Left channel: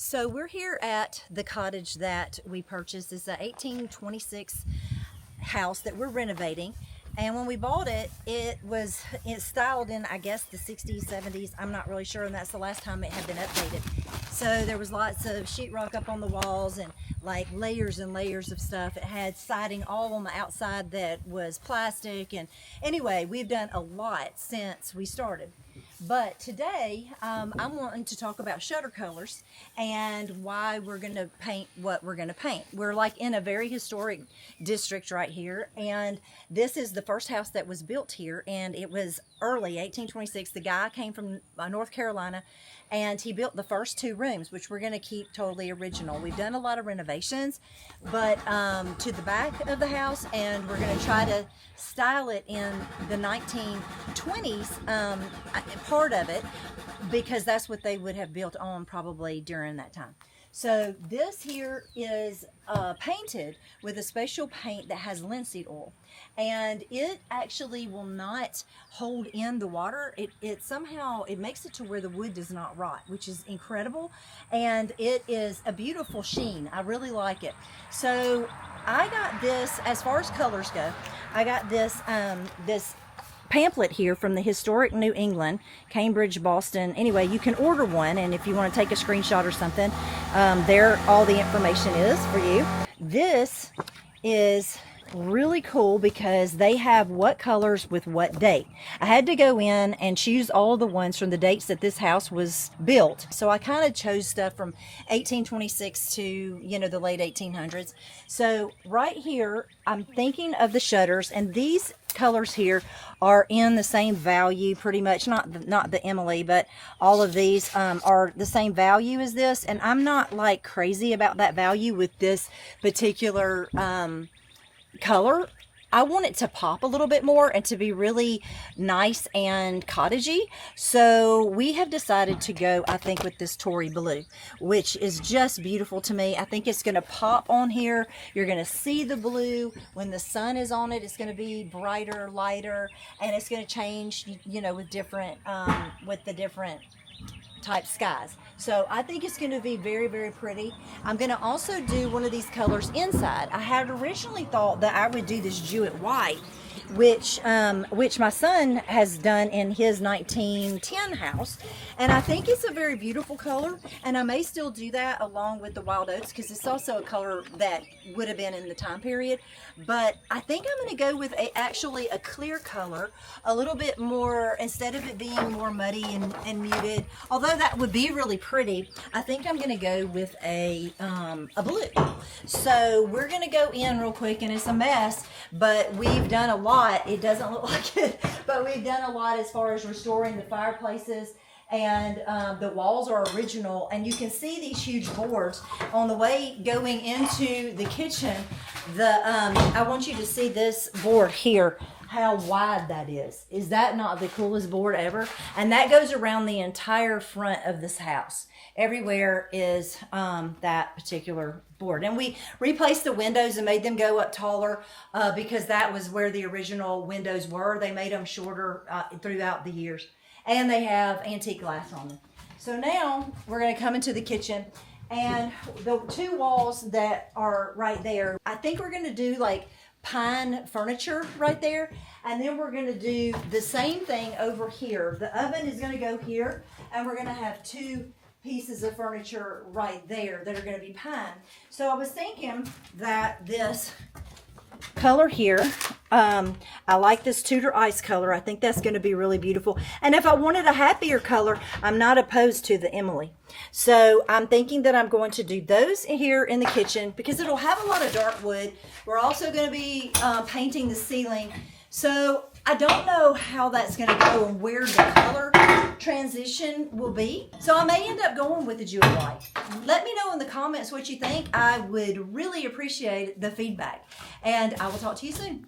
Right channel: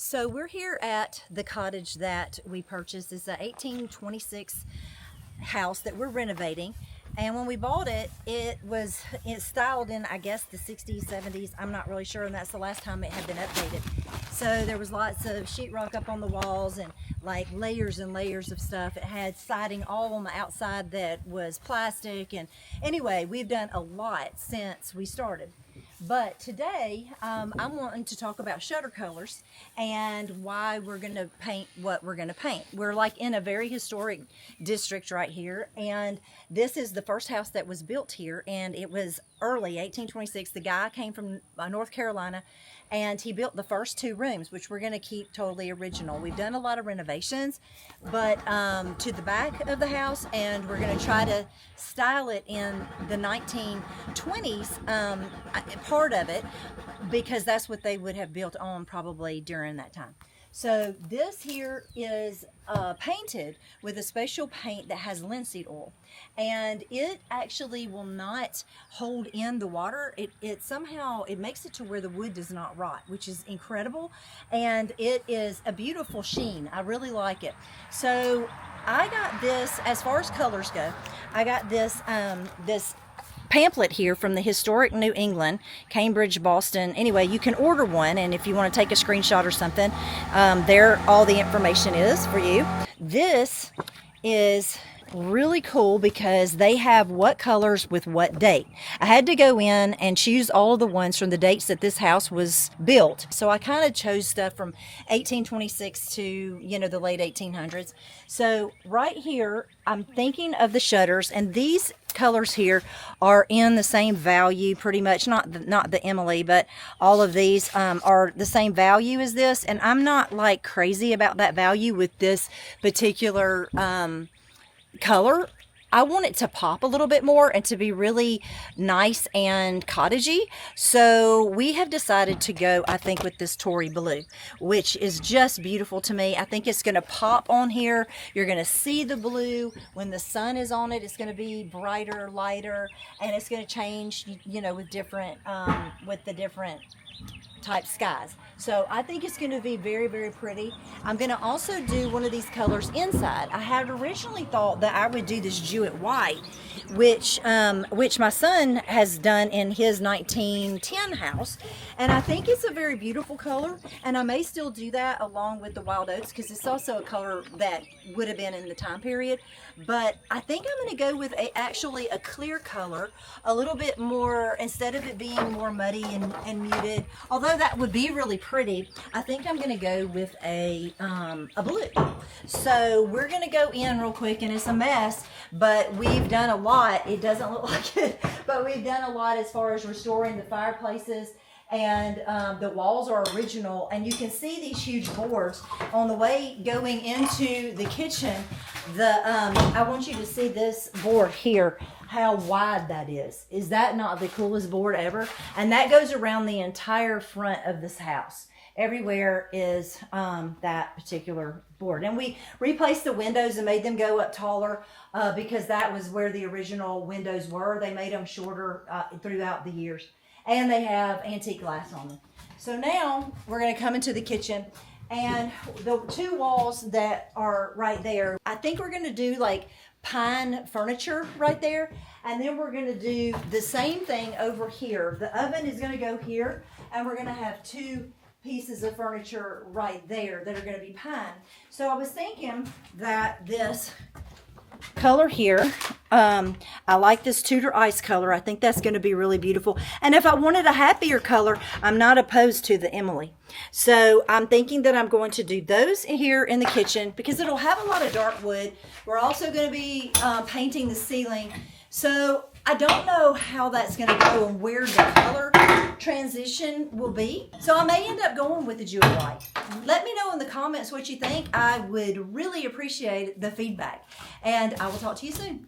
So we're here at the cottage that we purchased. It's a 1826 house that we're renovating. And when we bought it, it's styled in, I guess, the 60s, 70s. I'm not really sure, and that's the last time it had been updated. So there was lots of sheetrock up on the walls and like layers and layers of stuff. It had siding all on the outside that was plastic. And anyway, we've done a lot since we started. But today, I'm wanting to talk about shutter colors and why we're going to paint what we're going to paint. We're like in a very historic district right here, and this is the first house that was built here, and it was early 1826. The guy came from North Carolina, and he built the first two rooms, which we're going to keep totally original. We've done a lot of renovations, but to the back of the house, and we're going to try to style it in the 1920s. Part of it, because that's what they would have built on probably during that time. So this here is painted with a special paint that has linseed oil, and it actually will not hold in the water. It somehow makes it to where the wood does not rot, which is incredible, and it is a beautiful sheen. I really like it. So I got this, as far as colors go, I got this this pamphlet here from the historic New England, Cambridge, Boston. Anyway, you can order one, and if you want to take a screenshot or something, there all the information is for you. This is really cool because they have what colors with what date. I had to go in and choose all of the ones from the dates that this house was built. So I kind of chose stuff from 1826 to, the late 1800s. So right here, I'm thinking of the shutters, and these colors here are in the same value pretty much, not the Emily, but all of these are the same value as this, and I'm not like crazy about that value with this particular color. I want it to pop a little bit more and to be really nice and cottagey. So we have decided to go, I think, with this Tory Blue, which is just beautiful to me. I think it's going to pop on here. You're going to see the blue. When the sun is on it, it's going to be brighter, lighter, and it's going to change, with the different type skies. So I think it's going to be very, very pretty. I'm going to also do one of these colors inside. I had originally thought that I would do this Jewett White, which my son has done in his 1910 house, and I think it's a very beautiful color, and I may still do that along with the wild oats because it's also a color that would have been in the time period. But I think I'm going to go with actually a clear color, a little bit more, instead of it being more muddy and muted, although that would be really pretty. I think I'm going to go with a blue. So we're going to go in real quick, and it's a mess, but we've done a lot. It doesn't look like it, but we've done a lot as far as restoring the fireplaces, and the walls are original, and you can see these huge boards on the way going into the kitchen. I want you to see this board here, how wide that is. Is that not the coolest board ever? And that goes around the entire front of this house. Everywhere is that particular board. And we replaced the windows and made them go up taller because that was where the original windows were. They made them shorter throughout the years. And they have antique glass on them. So now we're going to come into the kitchen, and the two walls that are right there, I think we're going to do like pine furniture right there, and then we're going to do the same thing over here. The oven is going to go here, and we're going to have two pieces of furniture right there that are going to be pine. So I was thinking that this color here, I like this Tudor Ice color. I think that's going to be really beautiful. And if I wanted a happier color, I'm not opposed to the Emily. So I'm thinking that I'm going to do those here in the kitchen because it'll have a lot of dark wood. We're also going to be painting the ceiling. So I don't know how that's going to go and where the color transition will be. So I may end up going with the Jewett White. Let me know in the comments what you think. I would really appreciate the feedback. And I will talk to you soon.